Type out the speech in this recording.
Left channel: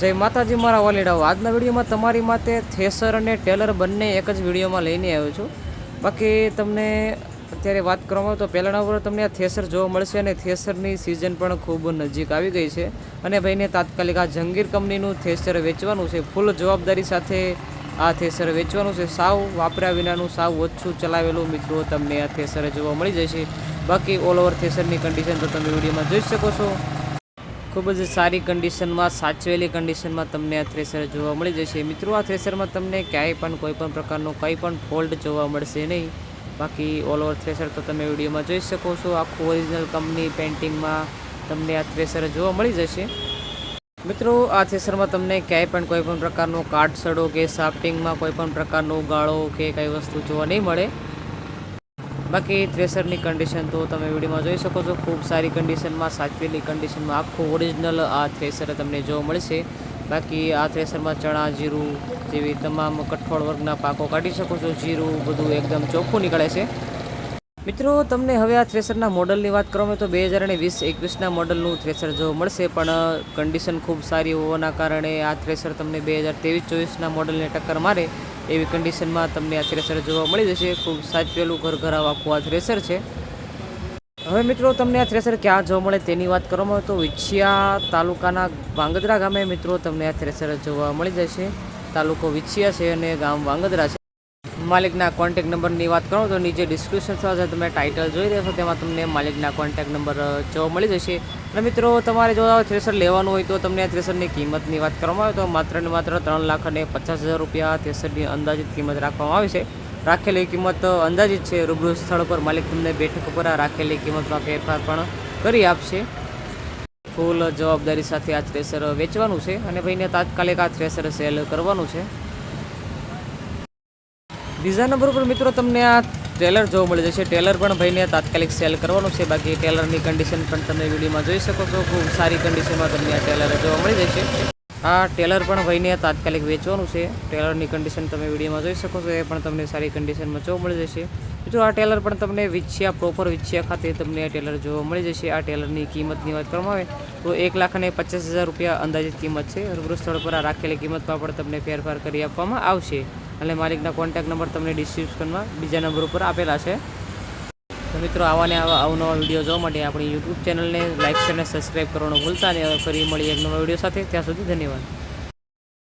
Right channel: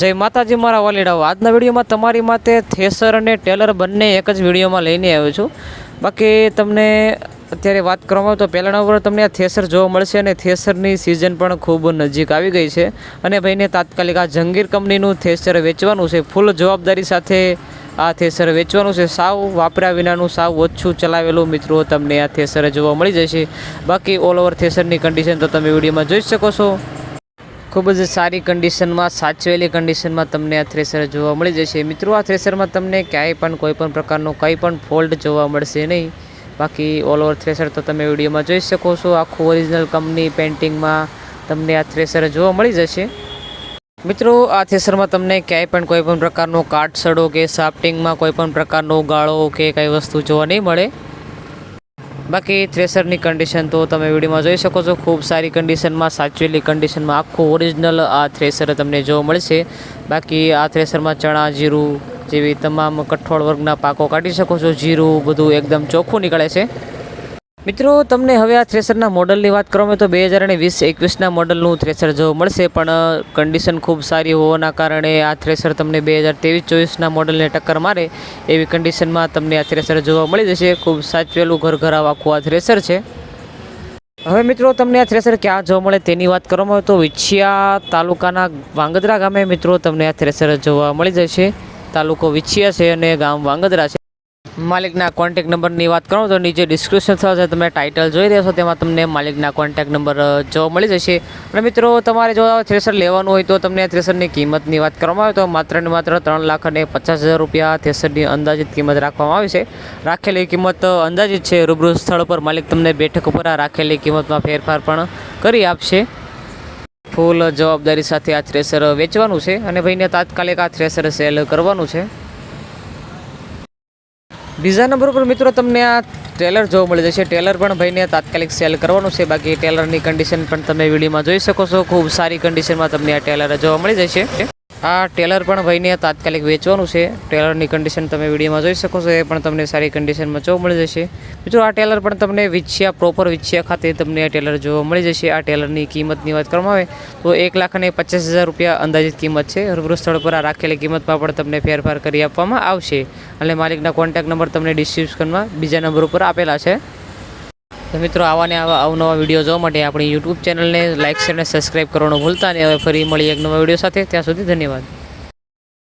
જય માતાજી મારા વાલીડાઓ। આજના વિડીયોમાં તમારી માટે થ્રેસર અને ટેલર બંને એક જ વિડીયોમાં લઈને આવ્યો છું। બાકી તમને અત્યારે વાત કરવામાં આવે તો પહેલાંના ઉપર તમને આ થ્રેસર જોવા મળશે અને થ્રેસરની સિઝન પણ ખૂબ નજીક આવી ગઈ છે અને ભાઈને તાત્કાલિક આ જંગીર કંપનીનું થ્રેસર વેચવાનું છે। ફૂલ જવાબદારી સાથે આ થ્રેસર વેચવાનું છે। સાવ વાપર્યા વિનાનું સાવ ઓછું ચલાવેલું મિત્રો તમને આ થ્રેસર જોવા મળી જશે। બાકી ઓલ ઓવર થ્રેસરની કન્ડિશન તો તમે વિડીયોમાં જોઈ શકો છો। ખૂબ જ સારી કન્ડિશનમાં સાચવેલી કન્ડિશનમાં તમને આ થ્રેસર જોવા મળી જશે। મિત્રો આ થ્રેસરમાં તમને ક્યાંય પણ કોઈ પણ પ્રકારનો કંઈ પણ ફોલ્ટ જોવા મળશે નહીં। બાકી ઓલ ઓવર થ્રેસર તો તમે વિડીયોમાં જોઈ શકો છો। આખું ઓરિજિનલ કંપની પેન્ટિંગમાં તમને આ થ્રેસર જોવા મળી જશે। મિત્રો આ થ્રેસરમાં તમને ક્યાંય પણ કોઈ પણ પ્રકારનો કાટસડો કે સાફ્ટિંગમાં કોઈ પણ પ્રકારનો ગાળો કે કંઈ વસ્તુ જોવા નહીં મળે। બાકી થ્રેસરની કન્ડિશન તો તમે વિડીયોમાં જોઈ શકો છો। ખૂબ સારી કન્ડિશનમાં સાચવેલી કન્ડિશનમાં આખું ઓરિજિનલ આ થ્રેસર તમને જોવા મળશે। બાકી આ થ્રેસરમાં ચણા જીરું જેવી તમામ કઠોળ વર્ગના પાકો કાઢી શકો છો। જીરું બધું એકદમ ચોખ્ખું નીકળે છે। મિત્રો તમને હવે આ થ્રેસરના મોડલની વાત કરવામાં તો 2020-21ના મોડલનું થ્રેસર જોવા મળશે, પણ કન્ડિશન ખૂબ સારી હોવાના કારણે આ થ્રેસર તમને 2023-24ના મોડલને ટક્કર મારે એવી કન્ડિશનમાં તમને આ થ્રેસર જોવા મળી જશે। ખૂબ સાચવેલું ઘરઘરાવ આખું આ થ્રેસર છે। હવે મિત્રો તમને આ થ્રેસર ક્યાં જોવા મળે તેની વાત કરવામાં આવે તો વિછિયા તાલુકાના વાંગદરા ગામે મિત્રો તમને આ થ્રેસર જોવા મળી જશે। તાલુકો વિછિયા છે અને ગામ વાંગદરા છે। માલિકના કોન્ટેક નંબરની વાત કરો તો નીચે ડિસ્ક્રિપ્શન સાથે તમે ટાઇટલ જોઈ રહ્યા છો તેમાં તમને માલિકના કોન્ટેક નંબર જોવા મળી જશે। અને મિત્રો તમારે જો થ્રેસર લેવાનું હોય તો તમને આ થ્રેસરની કિંમતની વાત કરવામાં આવે તો માત્ર ને માત્ર 3,50,000 રૂપિયા થ્રેસરની અંદાજિત કિંમત રાખવામાં આવી છે। રાખેલી કિંમત અંદાજિત છે। રૂબરૂ સ્થળ પર માલિક તમને બેઠક ઉપર આ રાખેલી કિંમતમાં ફેરફાર પણ કરી આપશે। ફૂલ જવાબદારી સાથે આ થ્રેસર વેચવાનું છે અને ભાઈને તાત્કાલિક આ થ્રેસર સેલ કરવાનું છે। બીજા નંબર ઉપર મિત્રો તમને આ ટેલર જોવા મળી જશે। ટેલર પણ ભાઈને તાત્કાલિક સેલ કરવાનું છે। બાકી ટેલરની કન્ડિશન પણ તમે વિડીયોમાં જોઈ શકો છો। ખૂબ સારી કન્ડિશનમાં તમને આ ટેલર જોવા મળી જશે। આ ટેલર પણ ભાઈને તાત્કાલિક વેચવાનું છે। ટેલરની કન્ડિશન તમે વિડીયોમાં જોઈ શકો છો, એ પણ તમને સારી કન્ડિશનમાં જોવા મળી જશે। મિત્રો આ ટેલર પણ તમને વિછિયા પ્રોપર વિછિયા ખાતે તમને આ ટેલર જોવા મળી જશે। આ ટેલરની કિંમતની વાત કરવામાં આવે તો 1,50,000 રૂપિયા અંદાજિત કિંમત છે। રૂબરૂ સ્થળ પર આ રાખેલી કિંમતમાં પણ તમને ફેરફાર કરી આપવામાં આવશે। અને માલિકના કોન્ટેક નંબર તમને ડિસ્ક્રિપ્શનમાં બીજા નંબર ઉપર આપેલા છે। તો મિત્રો આવા અવનવા વિડીયો જોવા માટે આપણી યુટ્યુબ ચેનલને લાઇક શેર અને સબસ્ક્રાઈબ કરવાનું ભૂલતા નહીં। હવે ફરી મળી એક નવા વિડીયો સાથે, ત્યાં સુધી ધન્યવાદ।